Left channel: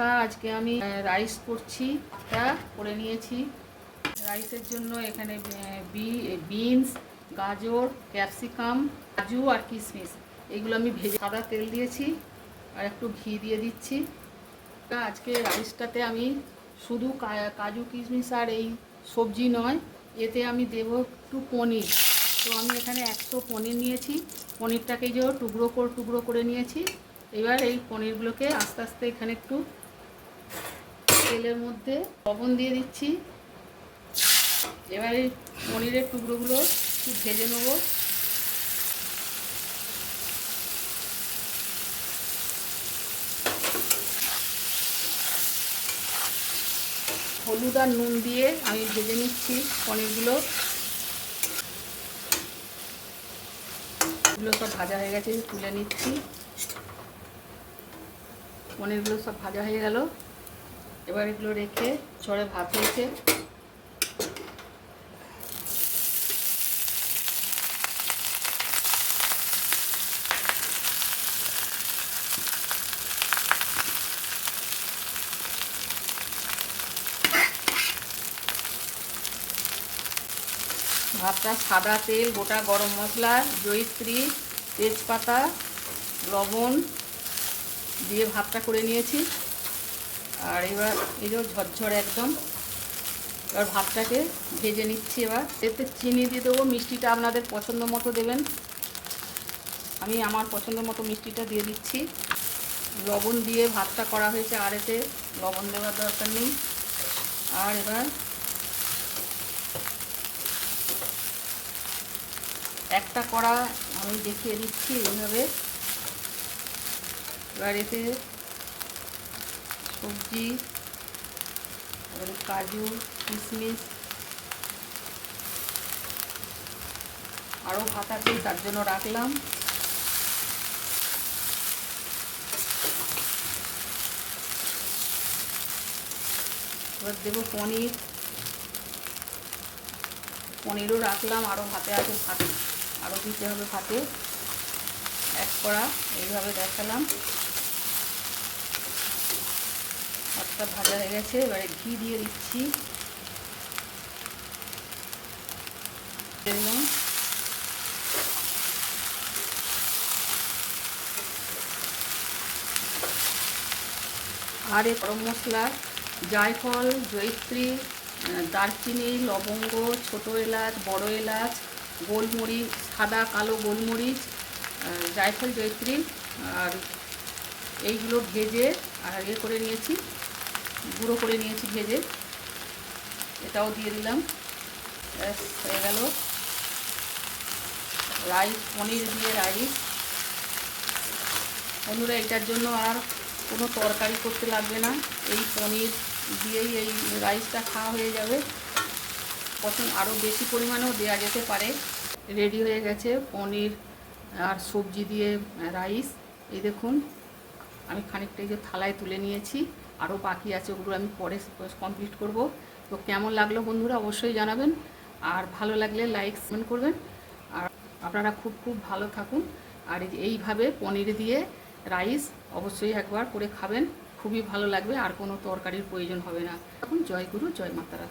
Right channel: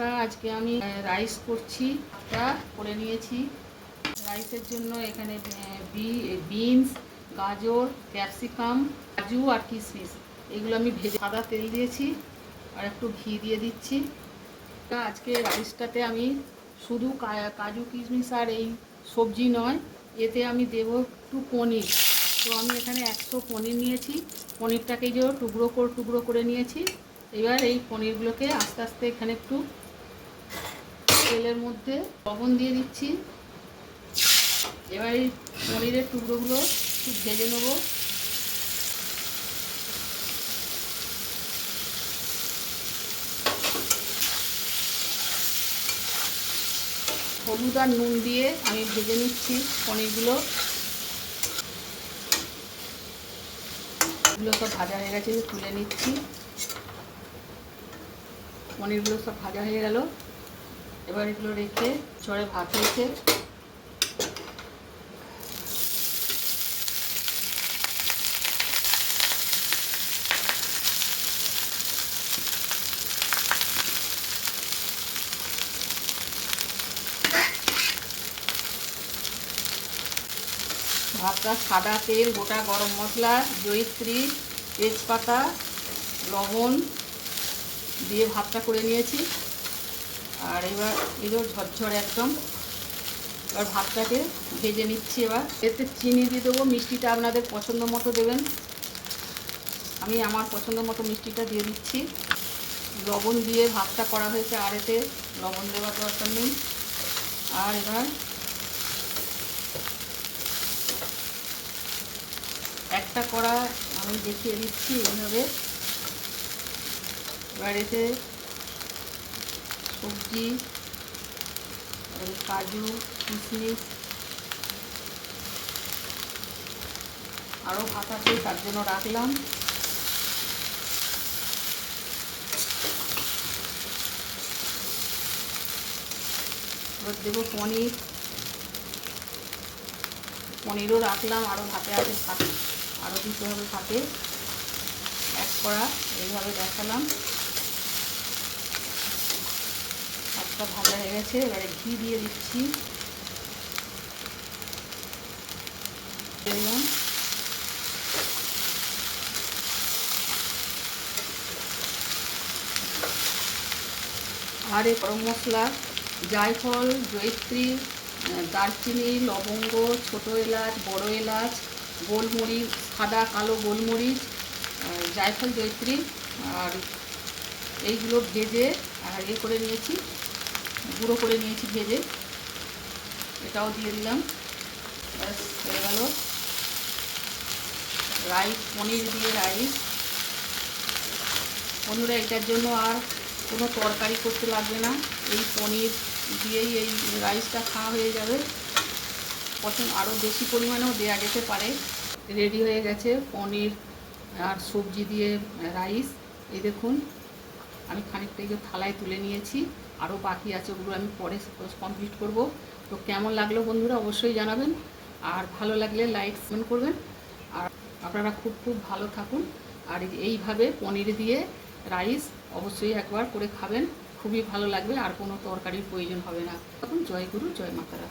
বন্ধুরা, আজকে আমি রাইস করছি। এটা করে নিয়েছি। রাইসের জন্য এখানে বিনস, গাজর, ক্যাপসিকাম, কাজু আর কিশমিশ এগুলো আমি ভেজে সাদা তেল দিয়েছি আর একটু ঘি দিয়ে দিচ্ছি। আজকে রাইসটাতে আমি শুধু কাজু কিশমিশ আর এই সবজি নয়, এতে আমি দেবো একটু পনির। তো আমি এখানে 100 পনির নিয়েছি। পনিরটাকে যে টুকরো করে নিয়েছি। এবার এই পনিরগুলোকে আস্তে আস্তে এখানে একটু তেলের মধ্যে লবণ দিয়ে দিচ্ছি। এবার এই পনিরের টুকরোগুলো একটু ভেজে নেব। হলুদ আর নুন দিয়ে আমি ভেজে নিচ্ছি পনিরগুলো। এগুলো সব ভাজা হয়ে গেছে, তুলে নিচ্ছি। পনিরগুলো সব ভাজা হয়ে গেল। এবার এগুলো রেখে চড়ে ভাত হয়েছে। ভাতটা সাদা তেল, গোটা গরম মশলা, জয়িত্রী, তেজপাতা, লবণ দিয়ে ভাতটা করে নিয়েছি। আর এবার এগুলো ঝরঝর একদম। এবার ভাতটাকে ভেজে নিচ্ছি। এবার এতে চিনি দিয়ে দেবো। মিষ্টিটা আপনাদের পছন্দ মতো দেবেন। আমি আমার পছন্দ মতো মিষ্টিটা দিয়ে দিচ্ছি। লবণ দিয়ে ভাতটা করা হয়েছে, আর এতে লবণ দেওয়ার দরকার নেই। আর এবার একটা কড়া আমি দেখিয়ে দিচ্ছি এইভাবে। এবার এতে সবজি, কাজু, কিশমিশ আরও ভাত আছে, তার জন্য রাখলাম। এবার দেবো পনিরও রাখলাম, আরও ভাতে আছে, ভাতে আরও দিতে হবে। ভাতে এক কড়া এইভাবে দেখালাম। ভাতটা ভাজা হয়ে গেছে। এবারে ঘি দিয়ে দিচ্ছি। দিলাম আর এই গরম মশলা, জায়ফল, জয়িত্রী, দারচিনি, লবঙ্গ, ছোটো এলাচ, বড় এলাচ, গোলমরিচ, সাদা কালো গোলমরিচ, জায়ফল, জয়িত্রী আর এইগুলো ভেজে আর করে নিয়েছি, গুঁড়ো করে নিয়েছি ভেজে। এটাও দিয়ে দিলাম। ব্যাস হয়ে গেল রাইস, পনির দিয়ে রাইস। বন্ধুরা, এটার জন্য আর কোনো তরকারি করতে লাগবে না। এই পনির দিয়েই এই রাইসটা খাওয়া হয়ে যাবে। আরও বেশি পরিমাণেও দেওয়া যেতে পারে। রেডি হয়ে গেছে পনির আর সবজি দিয়ে রাইস। এই দেখুন, আমি খানিকটা যে থালায় তুলে নিয়েছি, আরও বাকি আছে, ওগুলো আমি পরে কমপ্লিট করব। তো কেমন লাগলো বন্ধুরা অবশ্যই জানাবেন। আর ভালো লাগলে লাইক কমেন্ট করবেন। আর আপনারা খুব খুব ভালো থাকুন। আর এইভাবে পনির দিয়ে রাইস অবশ্যই একবার করে খাবেন, খুবই ভালো লাগবে। আর কোনো তরকারির প্রয়োজন হবে না। এখন জয় গুরু, জয় মাতারা।